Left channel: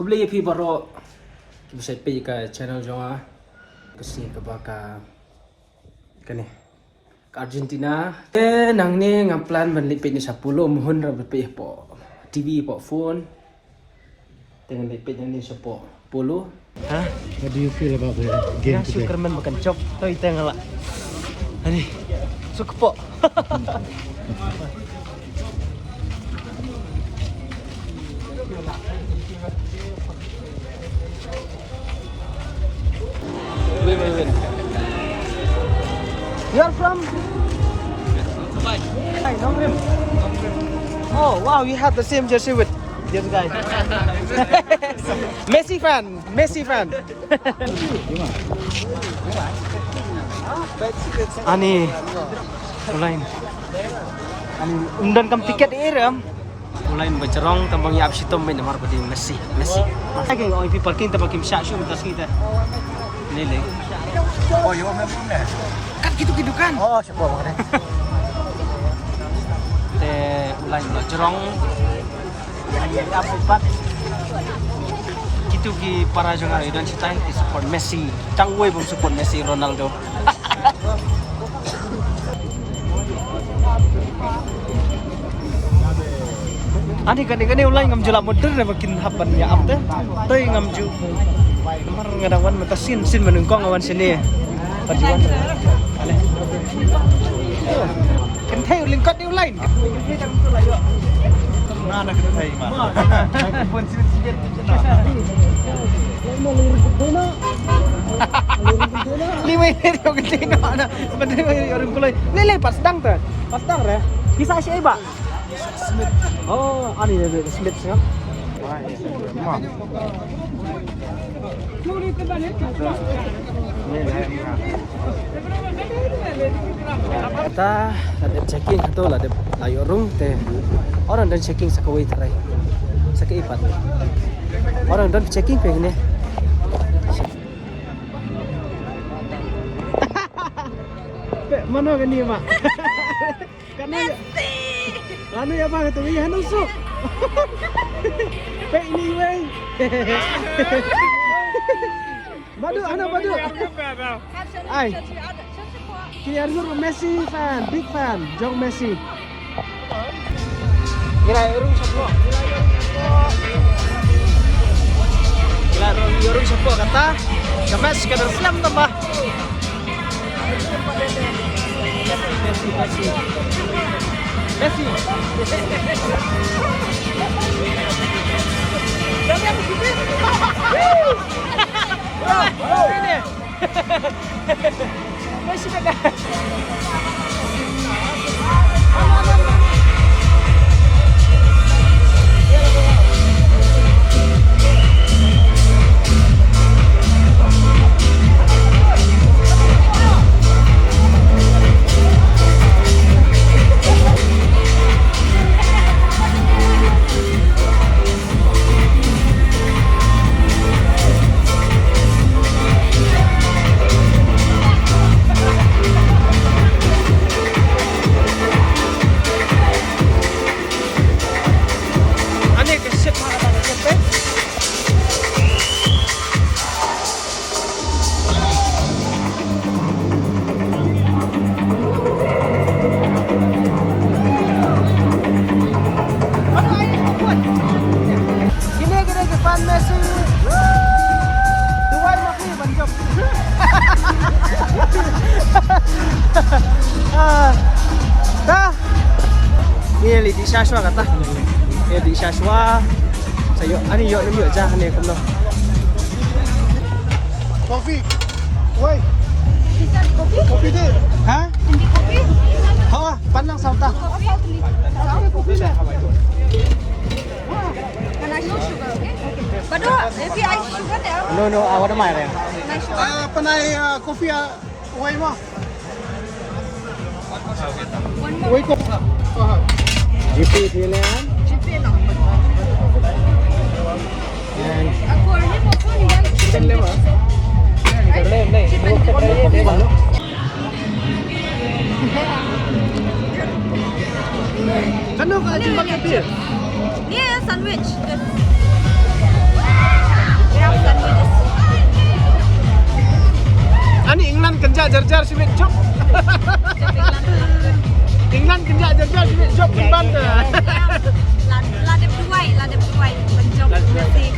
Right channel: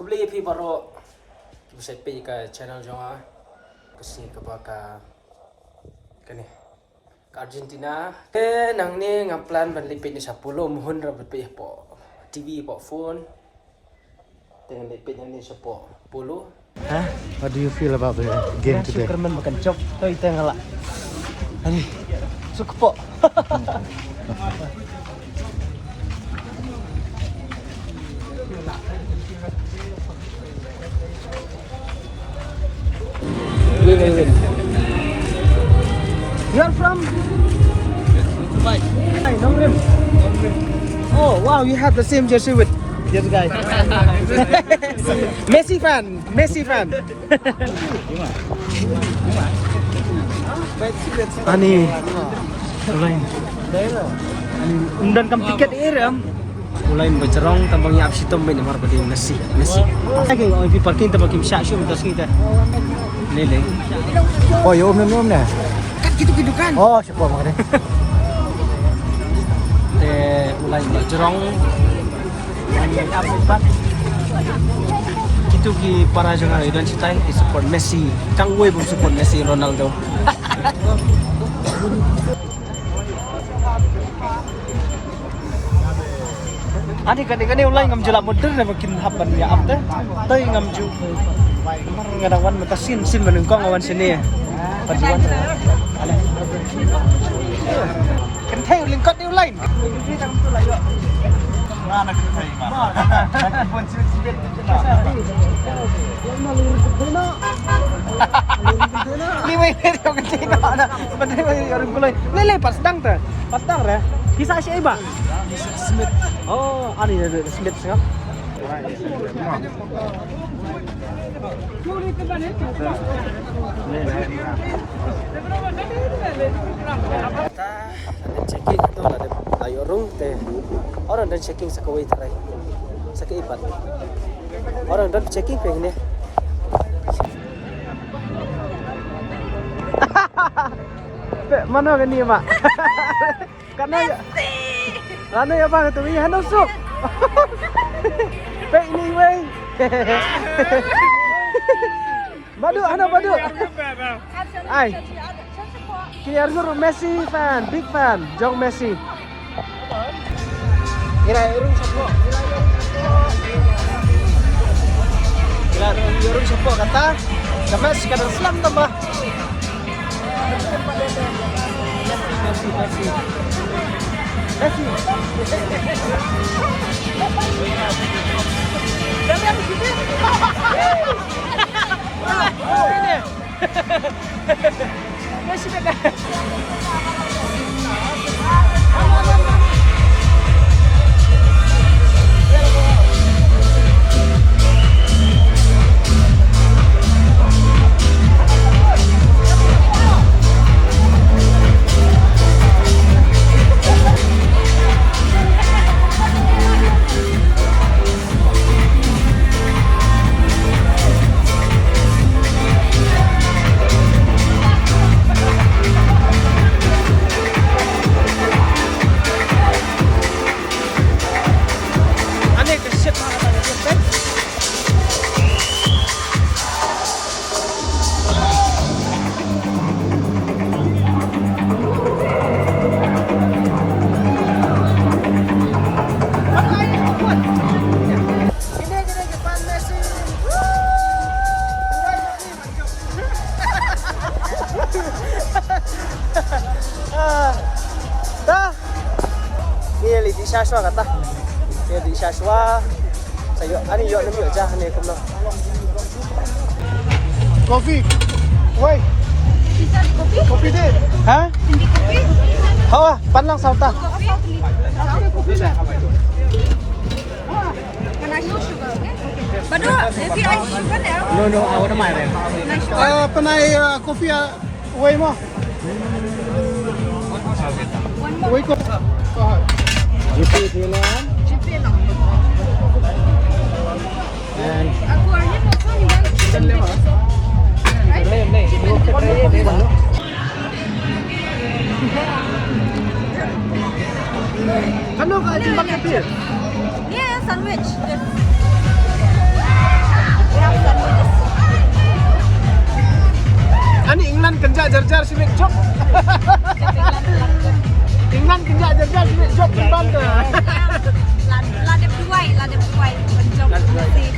Kublai pi baro bisa pi ka channel jonga kasi ka baka kani ka Argentina nang ni ngaplan ban lipi ni 10 muhun ra pi po TV po phone dengan lipi ni po Polo. Huh? What do you feel about the game today? Superman makan chop toy tengala. Ani suka po. Wait. You are from Dubai. Hey, Nongrim. Oh wow, you have the same jersey with the other guy. Messi fan. Ani, lain. Undan kam tiket iram. Ulain bercerong tambang ya absi tom bin amar badi Messi. Lagi oi pi parking tambang kim syak syum tas kita. Lele. Oh, yo mem nih. Kan gitu kan. Oh, siapa makanya? Ulain bercerong. Ya absi pat. Itu ki para jangan idan cita di support Messi. Tangway pun support Messi Ronaldo. Ani kadang-kadang ulai ngam jela modern na makin hapan ya abte. Toy ngam ju. Mar ngadawan mata sin menungkong awan sini. Paduan. Ale. Kan thay lingkot ni ulai. Ni tang tu layo. Mana kan thay ma. Pun sibet Lima ini kau kecil nak. Betul orang kulai. Lele pas dang tu. Pas dang re. Kisah siapa? Smith. Oh, ani ada Smith sah. Kita ada checking atau ada layorung teh. Orang dan checking sakawai terai. Sakaipat. Orang dan checking kayak ini. Mana kan ni mak? Karena Ano ya bang itu iya nusuk. Pek ni wei. Badu. Ai. Kiar sur Messi fan, big fan, Jong Messi. Kira urung siapa? Kira urung siapa kata? Kami sekadar selam tambah. Messi. Dami aku gitu. Ini. Messi kata. Ini di Shashwa kata. Ini di Shashwa. Sayo, ani yo nem yo jah ni kumno. Coffee. Why? Bisa kopi? Hah? Hindi kopi? Hawa, panlang sauta. Kopi na. Can I show sugar? Okay. But no, if I sugar there. No, I want my name. Panay coffee way mo. One more. Way ko. GP Thailand. GP lang. And Ako rin mo ko niyan. chicken lemon. Ano ka? Ano ka? Yeah, sandwich. Good. jengjar si Big Job. England kenjak jengjar si Big Job kan tu. Là đẹp đuôi, bên trong Messi.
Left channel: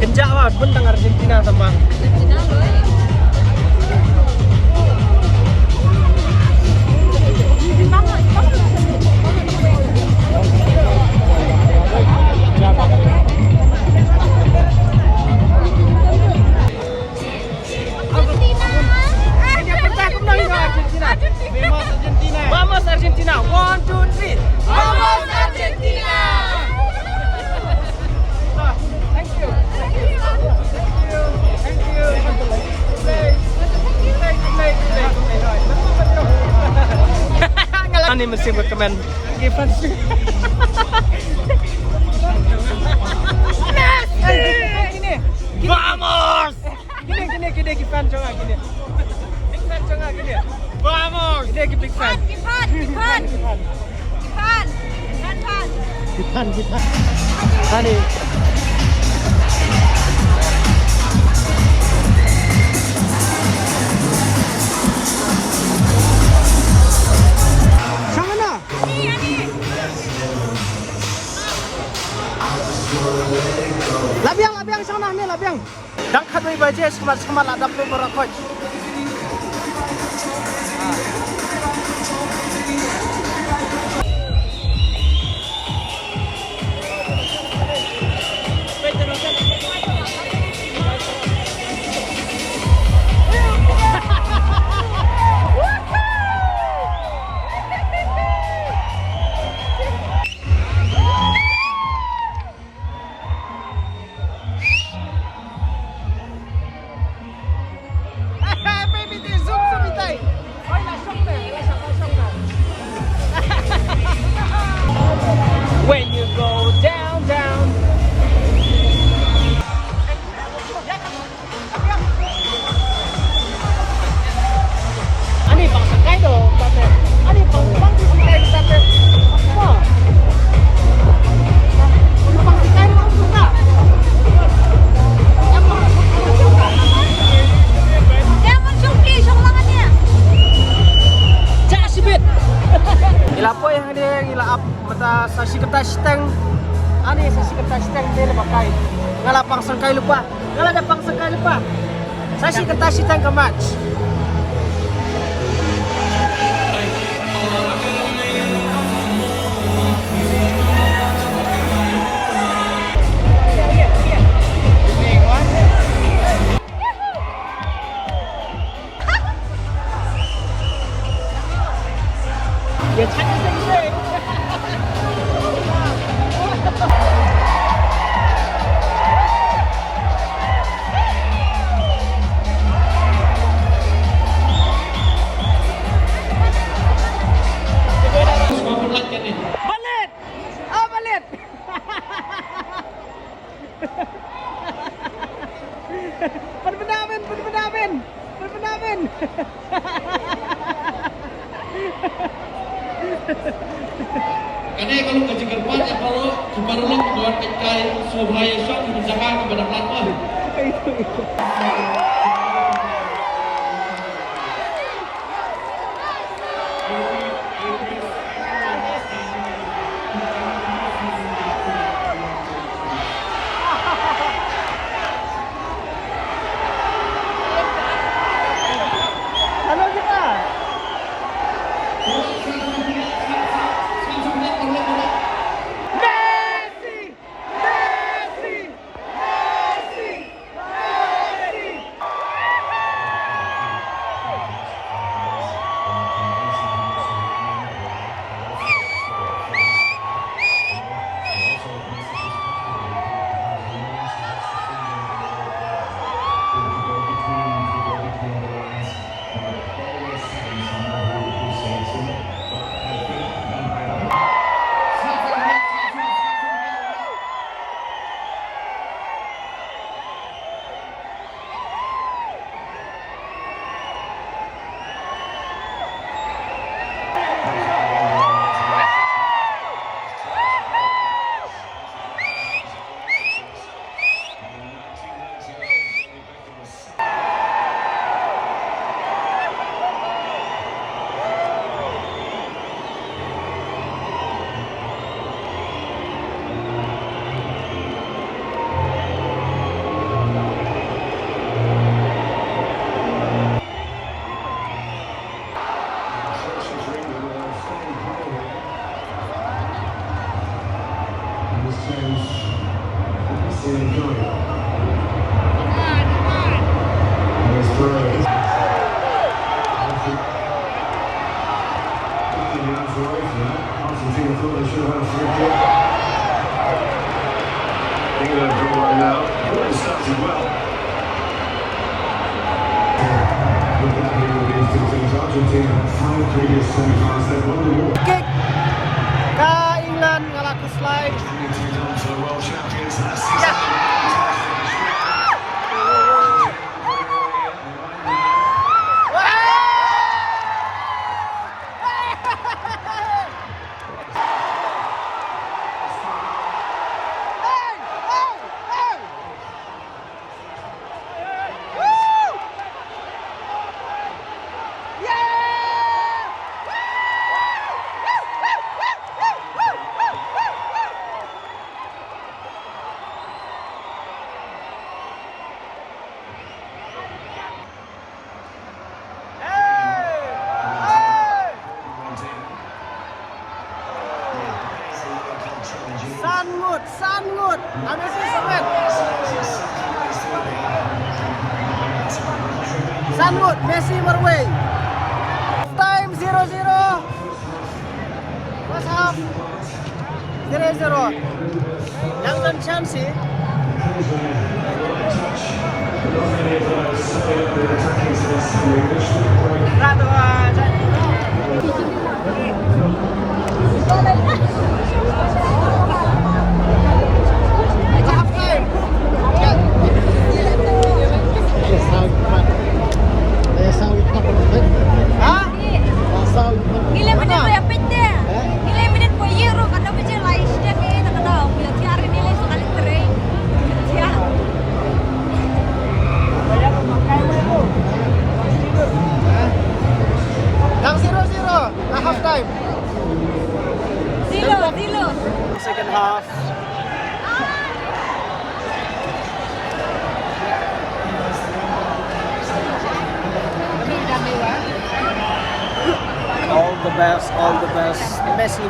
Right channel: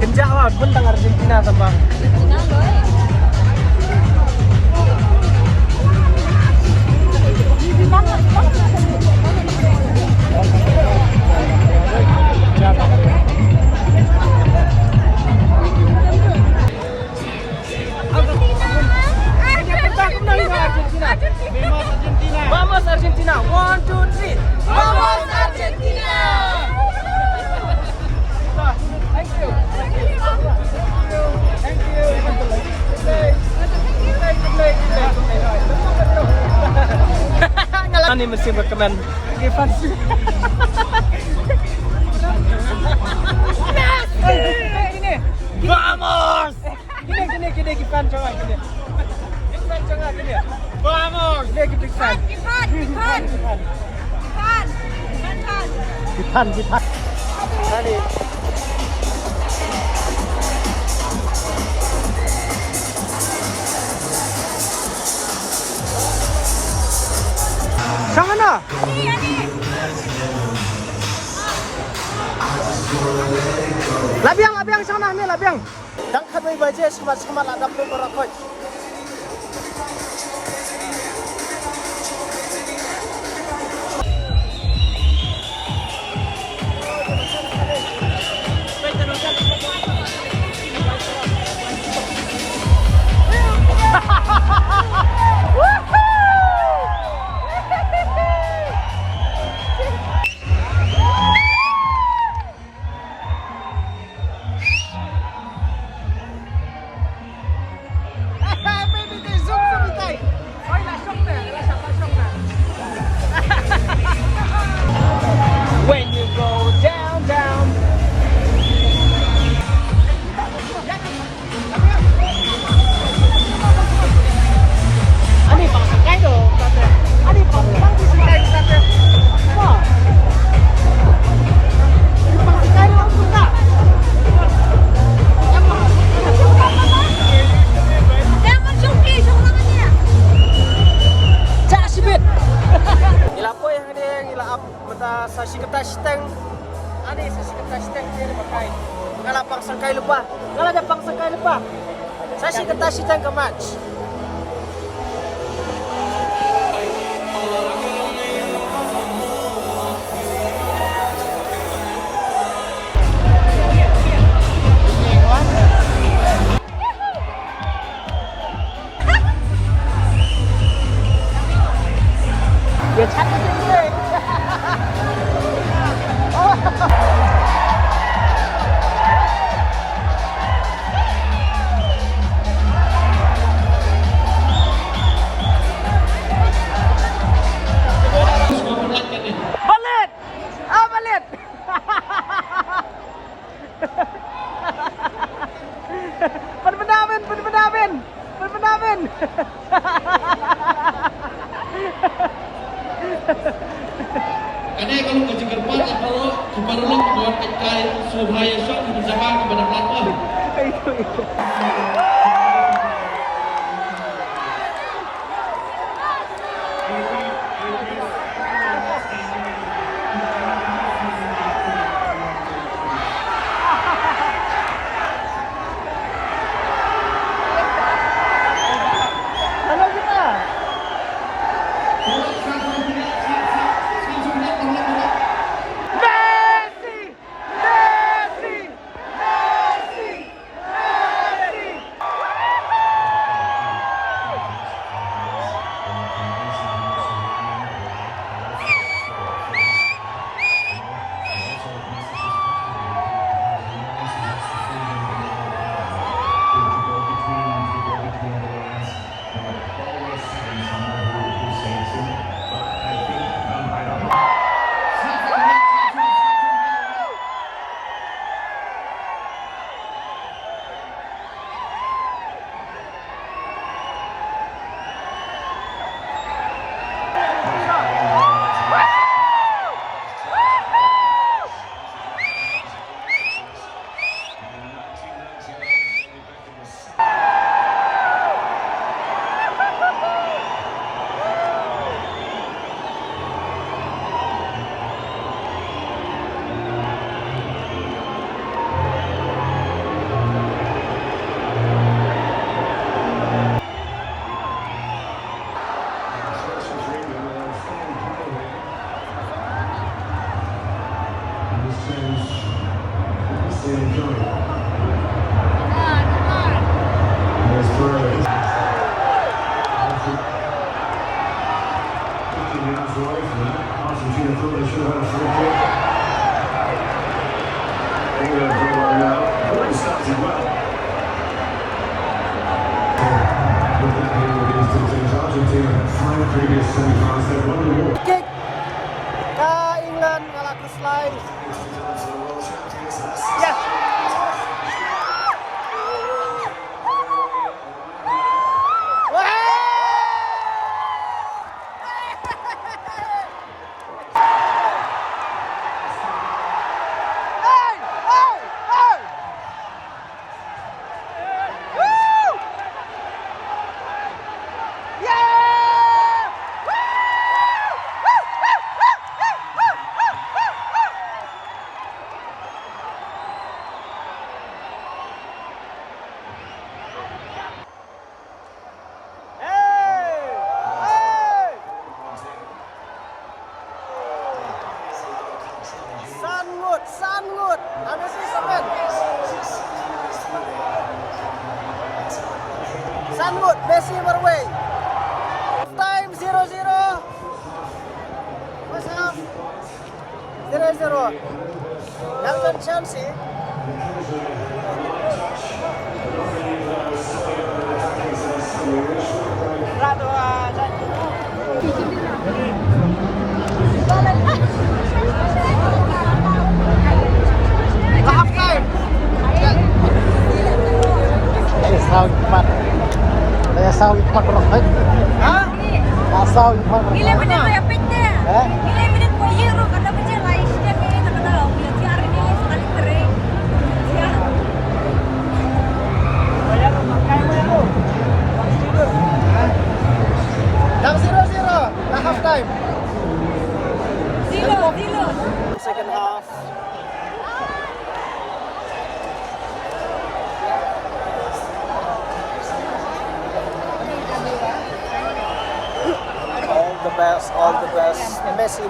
Kenjak lah bentang Argentina sambang. Argentina rồi. Vamos Argentina. 1, 2, 3. Vamos Argentina! Thank you. Thank you. Thank you. Ngalah ni mesti berkemen. Given. Gini. Vamos. Gini Given coba gini. Big fan coba gini. Vamos. Dia big fan. Givan. Hani. Sana. Ani. Labiang sana ni labiang. Dang khat baje semat ada pro berakot. When you go down. Ani bangsa kai tu. Ani bangsa kai tu tak? Jangan syuki, syukurannya. Cak sibit. Ila apa yang dia ila up mata sasi kertas stang. Ani sasi kertas stang dia lepas kai. Ngala pangsang kai lupa. Ngala ada pangsang kai lupa. Sasi kertas stang ke match. Balik! Berpendamin! Karena kalau kau cakap kuat, kalau baru lo buat pekai supaya sok bersama kepada pelapor. Itu. Messi! Argentina thought they should have a free kick. England got one now. Already started well. Looking at these two teams, Argentina had 5 previous semi-finals. They've won the war. Kick ka England ngalaku slide. Sangut. Messi semen. Sangut, Messi berway. Time 0-0. First half 0-0. Yang dan Chelsea. Nilai minit po yung pete. Nilai minit po euro. Kada pa siya Leit siya kaya nakataw. Kaya siya rin nilai sa kalibre. Siya. Yang 0-0. Na half time. Dilo. Second half. All the best. Messi.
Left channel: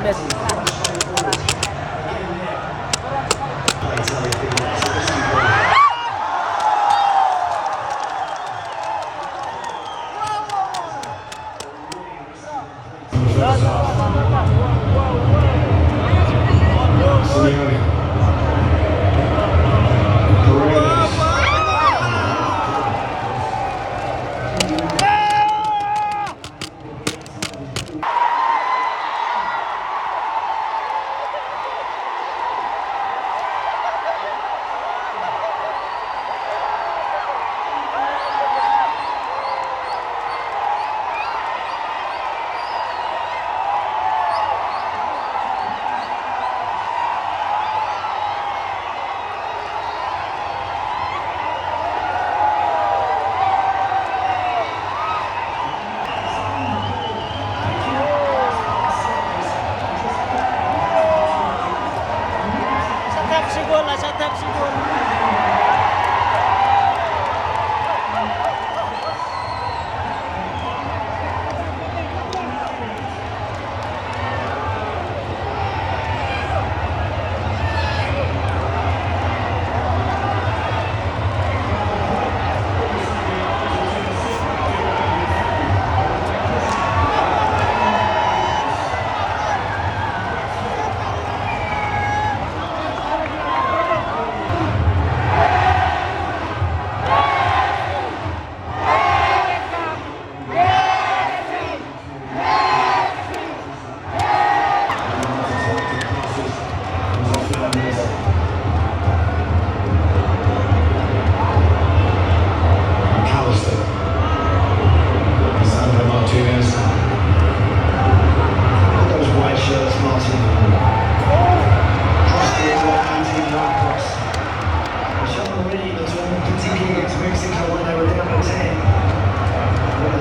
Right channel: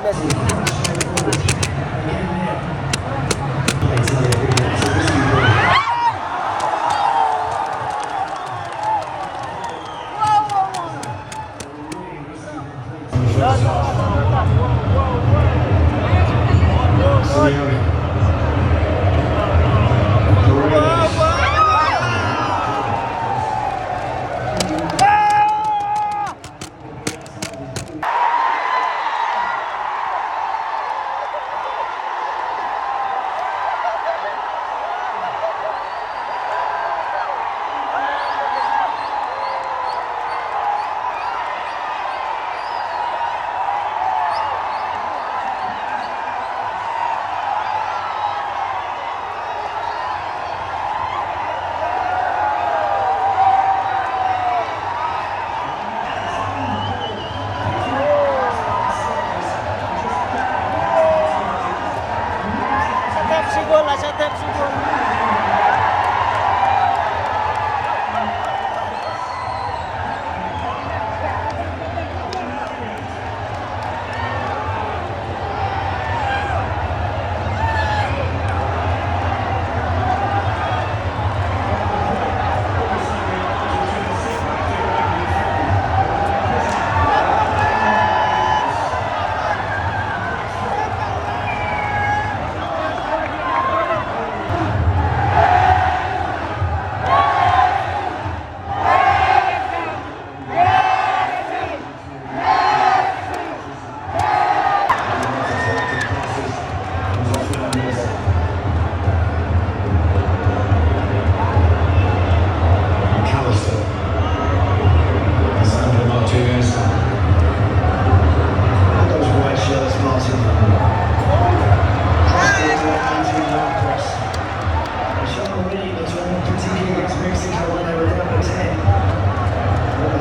Satap sigol.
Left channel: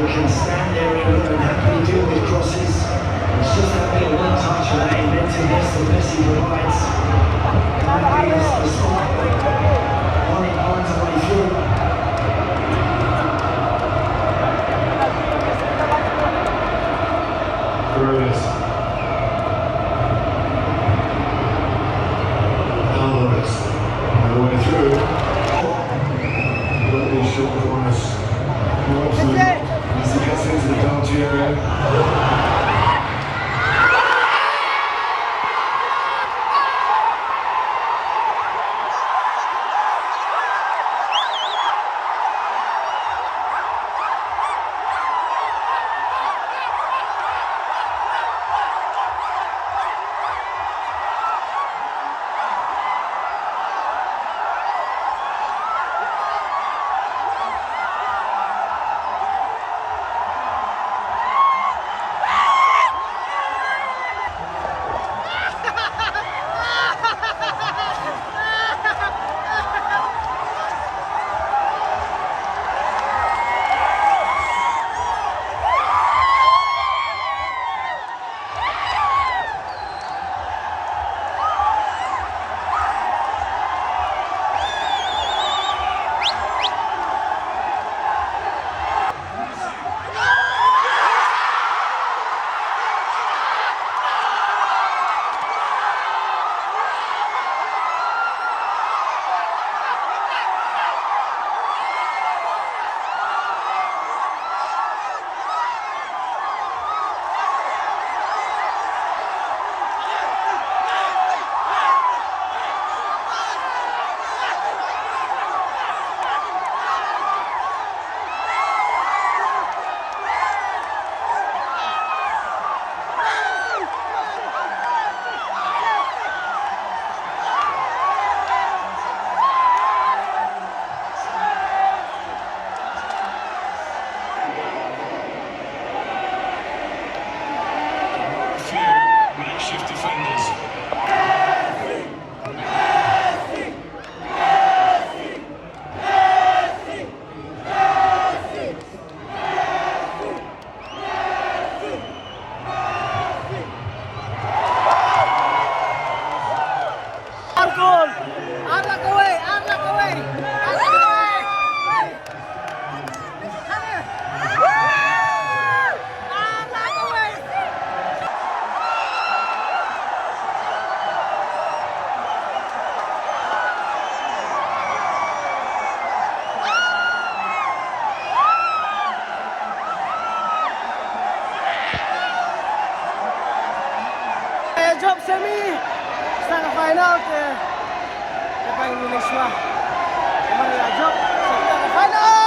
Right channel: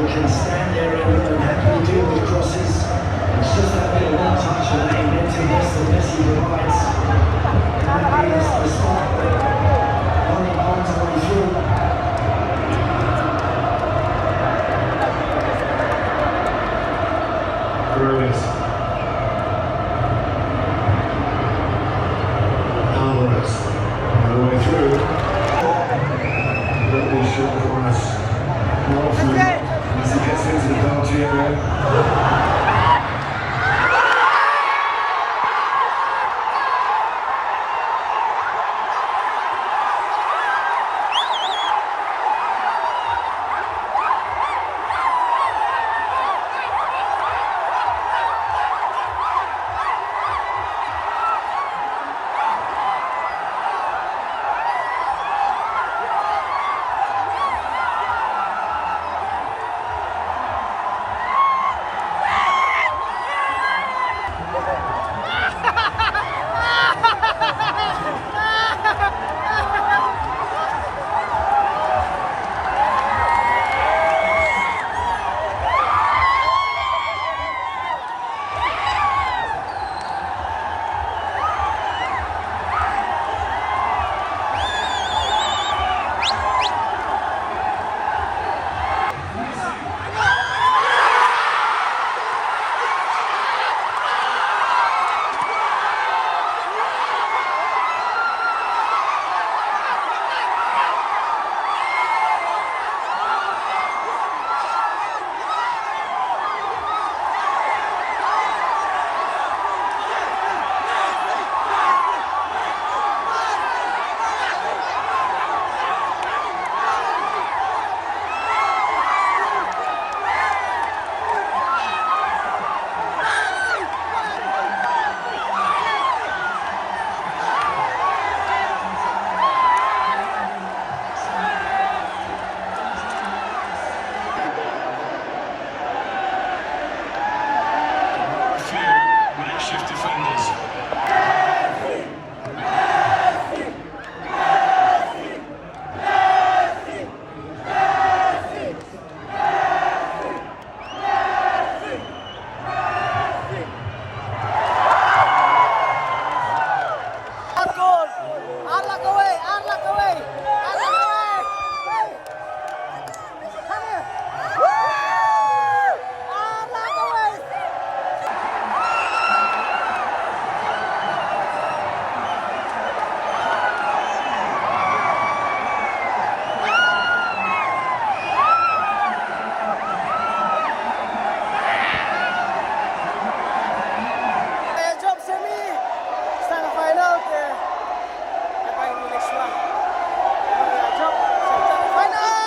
Can stand there and happily deal with crosses. It's just that bit of one touch and that inventiveness that Messi provides. And that is the spot. Only finds a way through. There it is. goal. Arlak away, Arlak away. Arlak away. Arlak away. Job semi sa final ke paling Indonesia. Job sa final.